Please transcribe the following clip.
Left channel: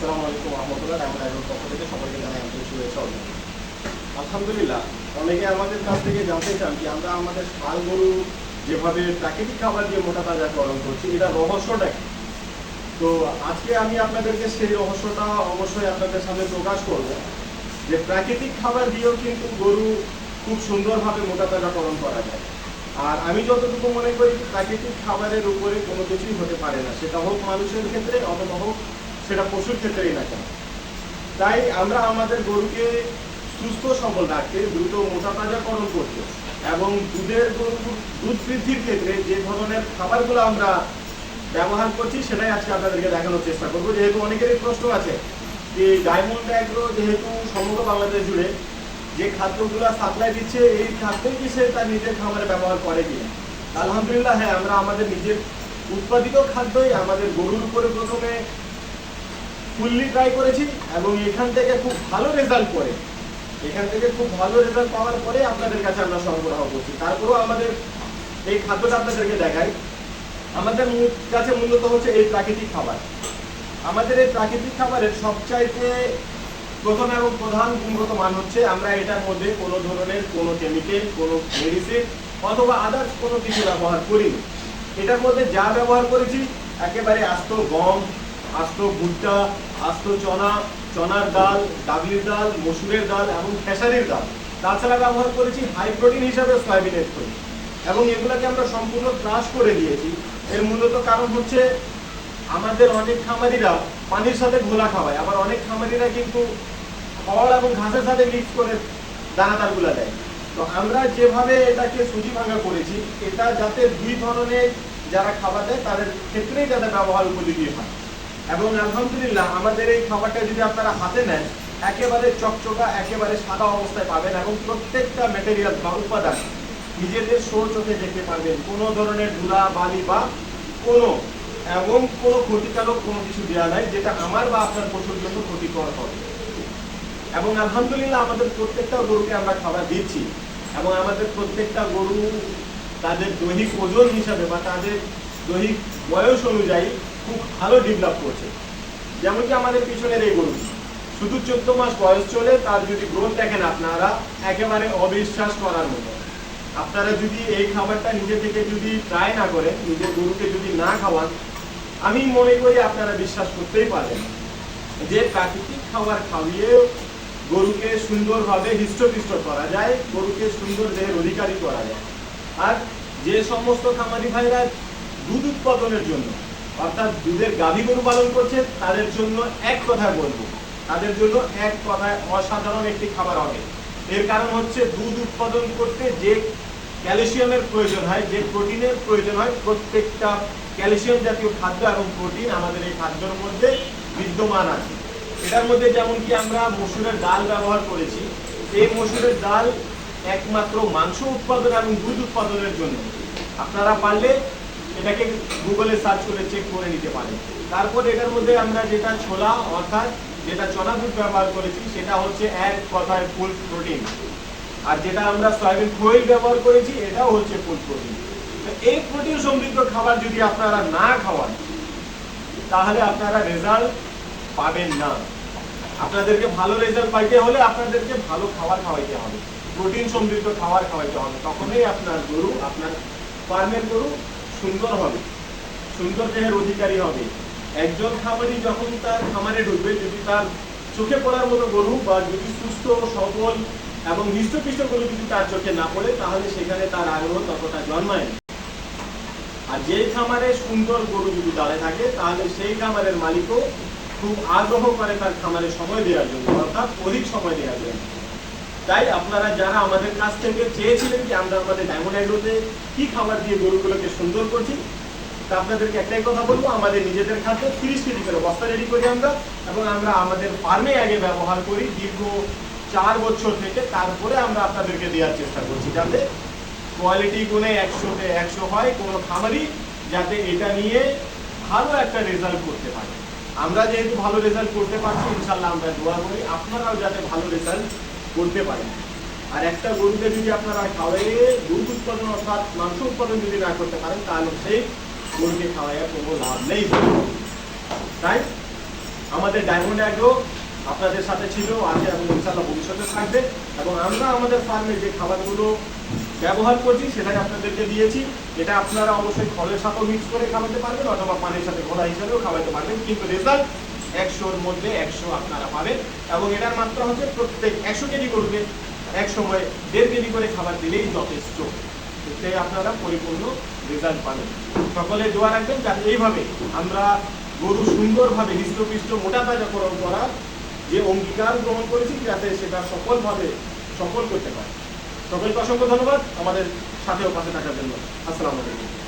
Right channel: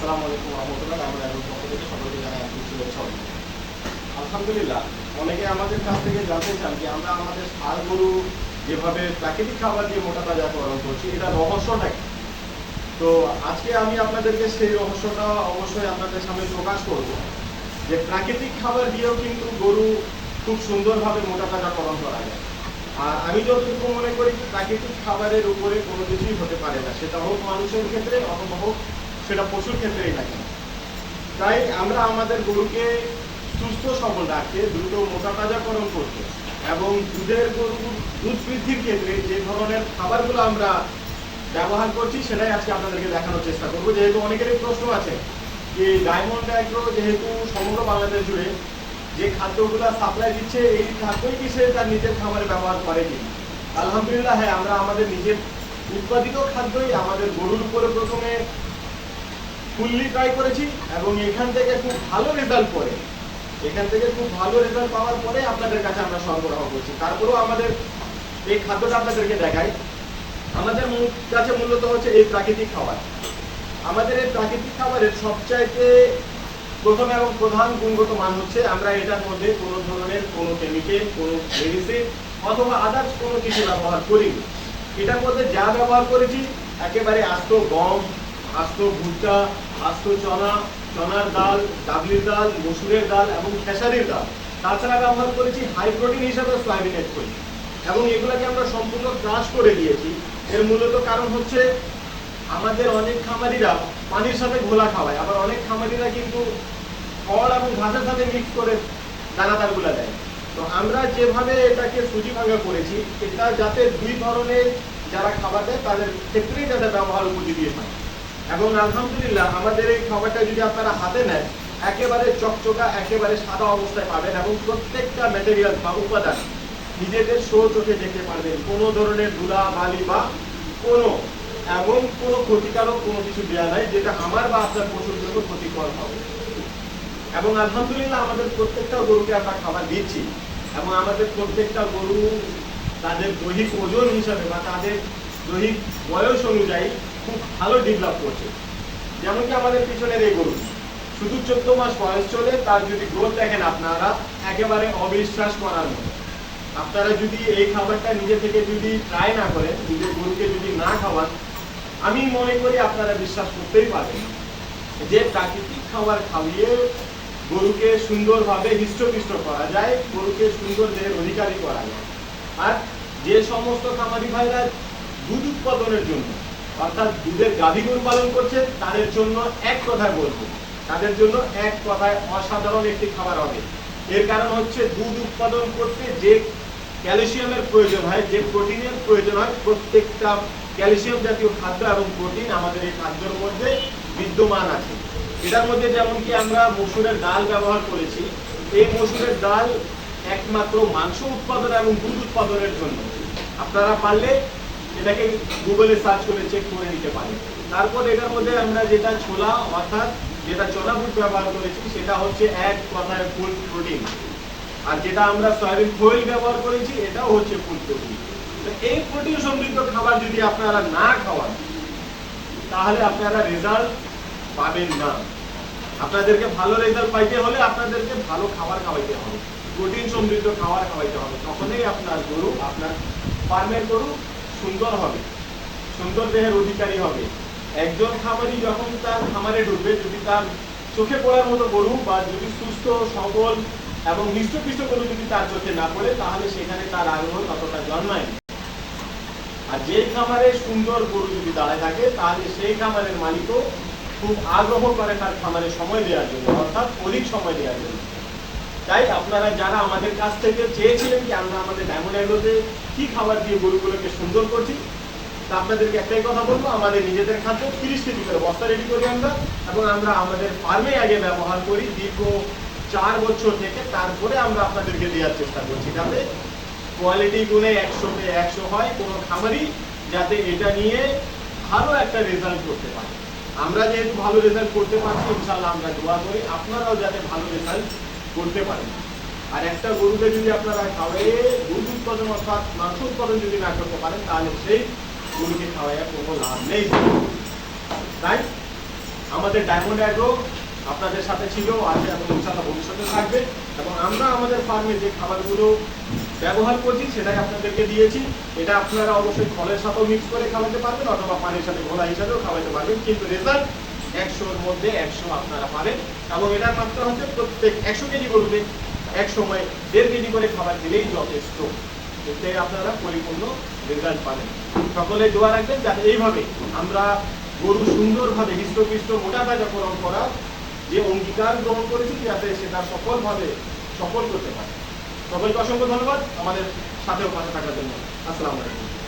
আসসালামু আলাইকুম রহমতুল্লাহ। ডায়মন্ড এগ্রোর পক্ষ থেকে সকলকে জানাই আন্তরিক শুভেচ্ছা। আলহামদুলিল্লাহ, অনেকে আমাদের কাছ থেকে জানতে চান যে আমরা আমাদের ষাঁড় গরু যেভাবে প্রাকৃতিক খাবার দিয়ে মোটা তাজাকরণ করছি, এটা রহস্যটা কি? তো আজকে আমি আপনাদেরকে সেই রহস্যটা অবশ্যই আপনাদের সামনে প্রকাশ করব যে প্রাকৃতিক খাবার দিয়েও কিন্তু গরু খুব সুন্দরভাবে মোটা তাজাকরণ করা যায়। আর আমি যতটুকু মনে করি প্রাকৃতিক খাবারের উপরে কোনো কিছুই হতে পারে না, সেটা হোক মানুষের ক্ষেত্রে অথবা হোক সেটা পশুর ক্ষেত্রেই না কেন। তাই আমরা আমাদের গরুকে সুস্থ সবল রাখতে, দ্রুত মোটা তাজাকরণ করতে এবং গরুর দুধ বৃদ্ধির ক্ষেত্রে যে ধরনের খাবারগুলো আমরা ব্যবহার করছি সেটাই আজকে আপনাদেরকে দেখানোর চেষ্টা করবো। যেহেতু অনেকেরই প্রশ্ন আছে যে ডায়মন্ড এগ্রো যেহেতু সমগ্র বাংলাদেশ জুড়ে যে খাদ্যগুলো সাপ্লাই দিচ্ছে, এই খাদ্যই কি সে তার নিজের খাবারে ব্যবহার করে কি? আলহামদুলিল্লাহ, হ্যাঁ, আমরা আমাদের নিজের উৎপাদিত খাদ্যই আমাদের গরুর উপরে প্রথমে ফুললি ট্রাই করেছি এবং এখান থেকে খুব ভালো রেজাল্ট পাওয়ার পরে আপনাদের কাছে আমরা সরবরাহ করছি। তারপরেও আমাদের এই খাদ্যটা আপনাদেরকে দেখাই। আমাদের কাছে মূলত হচ্ছে এই প্রাকৃতিক খাবার। আমাদের এই প্রাকৃতিক খাবারের সবচাইতে প্রথম এবং প্রধান গুণগত মান হচ্ছে আমরা এটার মধ্যে কোনো ধরনের কোনো কেমিক্যাল, কোনো মেডিসিন অথবা আদার্স কোনো কিছু ব্যবহার করিনি। এটার মধ্যে যা ব্যবহার করেছি একেবারে আস্ত গম, আস্ত ভুট্টা, আস্ত চনা, চনার ডাল, ডাবলির ডাল, মসুরের ডাল এবং খেসারির ডাল। তাছাড়া ব্যবহার করেছি হাই প্রোটিন হিসাবে সয়াবিন এড করি এবং এগুলোকে আমরা সম্পূর্ণ ক্রাশ করে দিয়েছি। এর মূলত কারণ হচ্ছে আমাদের অনেক খামারিরা পানির সাথে ঘোলা খাওয়ায়, আবার অনেক খামারিরা কিন্তু খড় এবং ঘাসের সাথে মিক্স করে দানাদারগুলো দেয়। তো আমরা যেভাবে এটাকে সুজি ভাঙা করেছি, এটা যাতে দুই ধরনের যারা খাবার দেয় তাদের ক্ষেত্রেই যাতে ব্যবহার উপযোগী হয়। এবং আলহামদুলিল্লাহ, আমাদের এই খাবারটা যদি আপনারা হাতে নেন একেবারে চকচকা, একেবারে সাদা অবস্থায় পাবেন এবং প্রত্যেকটা ম্যাটেরিয়াল বা উপাদান নিজেদের চোখে দেখতে পারবেন। কোনো ধরনের ধুলা বালি বা কোনো ক্ষতিকারক কোনো কিছু দেওয়া নাই যেটা আমার বা আপনার পশুর জন্য ক্ষতিকর হবে। এবং আলহামদুলিল্লাহ, আমাদের প্রত্যেকটা গরুকে আমরা খাবার দিচ্ছি এবং আমাদের প্রত্যেকটা গরু তাদের দৈহিক ওজন হিসাবে বা তাদের দৈহিক বয়স অনুযায়ী খুব ভালো ডেভেলপ করছে। যেমন কি আমাদের পিছনের এই গরু শুধু 14 মাস বয়স চলে, তার যদি গ্রোথ দেখেন আপনারা একেবারে অবিশ্বাস করার মতো। আপনারা যদি এই খাবারটা নিজে থেকে যদি ট্রাই না করেন, নিজের গরুকে যদি না খাওয়ান, আমি মনে করি আপনারা বিশ্বাস করতেই পারবেন যে প্রাকৃতিক খাবার খাওয়িয়ে গরুকে সুন্দরভাবে হৃষ্টপুষ্ট করা যায়, গরুকে সুন্দর দেহের অধিকারী করা যায়। আর যে সমস্ত খামারি ভাইরা দুধ উৎপাদনের জন্য অর্থাৎ দুধের গাভী গরু পালন করছে তাদের জন্য এক কথায় বলবো, তাদের জন্য এক কথায় অসাধারণ একটি খাবার হবে। এর কারণ হচ্ছে দুধ উৎপাদন করতে যে ক্যালসিয়ামের প্রয়োজন হয়, যে প্রোটিনের প্রয়োজন হয়, প্রত্যেকটা ক্যালসিয়াম জাতীয় খাদ্য এবং প্রোটিন আমাদের এই খাদ্যের মধ্যে বিদ্যমান আছে। এটার মধ্যে যেমন কি আমরা মসুরের ডাল ব্যবহার করেছি, এই মসুরের ডাল একমাত্র মাংস উৎপাদন এবং দুধ উৎপাদনের জন্য। আপনারা পারলে এটাকে গুগলে সার্চ করে চেক করে নিতে পারেন। তারপর এটার মধ্যে আমরা যেটা ছোলা অর্থাৎ যেটা চনা বুট ব্যবহার করেছি সেটা হচ্ছে এক কথায় ফুল প্রোটিন। আর যেটা আমরা সয়াবিন খোল ব্যবহার করেছি এটাও হচ্ছে ফুল প্রোটিন। তো এই প্রোটিন সমৃদ্ধ খাবার যদি আপনারা না খাওয়ান তাহলে আপনারা রেজাল্ট পাবেন না। আপনাদেরকে ভালো রেজাল্ট পাইতে হলে আপনাদেরকে ভালো খাবার খাওয়াইতে হবে, প্রোটিন সমৃদ্ধ খাবার খাওয়াইতে হবে। তখনই আপনার গরু, আপনার ফার্মের গরু সুন্দর হবে, সুন্দর দেহের অধিকারী হবে। একজন খামারি যখন তার খামারে ঢুকবে, যদি তার চোখে পড়ার মতো গরু বা যদি সুস্থ সবল এবং হৃষ্টপুষ্ট গরু যদি তার চোখে না পড়ে তাহলে সেখানে তার আগ্রহ ততটা জন্মায় না। আর যেই খামারে সুন্দর গরু যদি দাঁড়ায় থাকে তাহলে সেই খামারের মালিকও খুব আগ্রহ করে তার খামারে সময় দেওয়ার জন্য, অর্থাৎ অধিক সময় দেওয়ার জন্য। তাই আপনারা যারা আমাদের কাছ থেকে চেয়েছিলেন যে আমরা আমাদের ডায়মন্ড এগ্রোতে কি খাবার দিয়ে গরুগুলোকে সুন্দর করছি, তা আপনাদেরকে একটাই কথা বলবো, আমাদের নিজেদের খাদ্য 30 কেজি করে বস্তা রেডি করি আমরা এবং আমরা আমাদের ফার্মে আগে ব্যবহার করি দীর্ঘ 4 বছর থেকে। তারপরে আমরা আপনাদেরকে দেওয়ার চেষ্টা করছি যাতে কোয়ালিটি গুণে 100-তে 100 হয়, কোনো খামারি যাতে এটা নিয়ে ভালো একটা রেজাল্ট করতে পারে। আমরা যেহেতু ভালো রেজাল্ট করতে পারছি, ইনশাআল্লাহ আমরা দোয়া করি আপনারাও যাতে ভালো রেজাল্ট করতে পারেন। আর একটা গরুকে যদি আপনারা খাওয়াইয়ে দুধ উৎপাদন অর্থাৎ মাংস উৎপাদন যদি না করতে পারেন তাহলে সেই গরুকে খাওয়াইয়া কোনো লাভ নেই। তাই আমাদের ডায়মন্ড অ্যাগ্রো আপনাদের সাথে ছিল, আছে এবং ইনশাআল্লাহ ভবিষ্যতে থাকবে। এবং আমরা আমাদের ফার্মে যে খাবারগুলো ব্যবহার করছি সেটাই আপনাদেরকে দিয়েছি। এটা আপনারা অবশ্যই ফলের সাথেও মিক্স করে খাওয়াতে পারবেন অথবা পানির সাথে ঘোলা হিসাবেও খাওয়াতে পারবেন, কিন্তু রেজাল্ট 100-র মধ্যে 100 আপনারা পাবেন। এবং এটার মাত্রা হচ্ছে প্রত্যেক 100 কেজি গরুকে এক সময় 1.5 কেজি করে খাবার দিলেই যথেষ্ট, এতে আপনারা পরিপূর্ণ রেজাল্ট পাবেন। সকলে দোয়া রাখবেন যাতে এইভাবে আমরা গরু সুন্দরভাবে হৃষ্টপুষ্ট মোটা তাজাকরণ করা যে অঙ্গীকার গ্রহণ করেছি যাতে সেটা সফলভাবে সফল করতে পারে। সকলকে অসংখ্য ধন্যবাদ আমাদের সাথেও পাশে থাকার জন্য। আসসালামু আলাইকুম।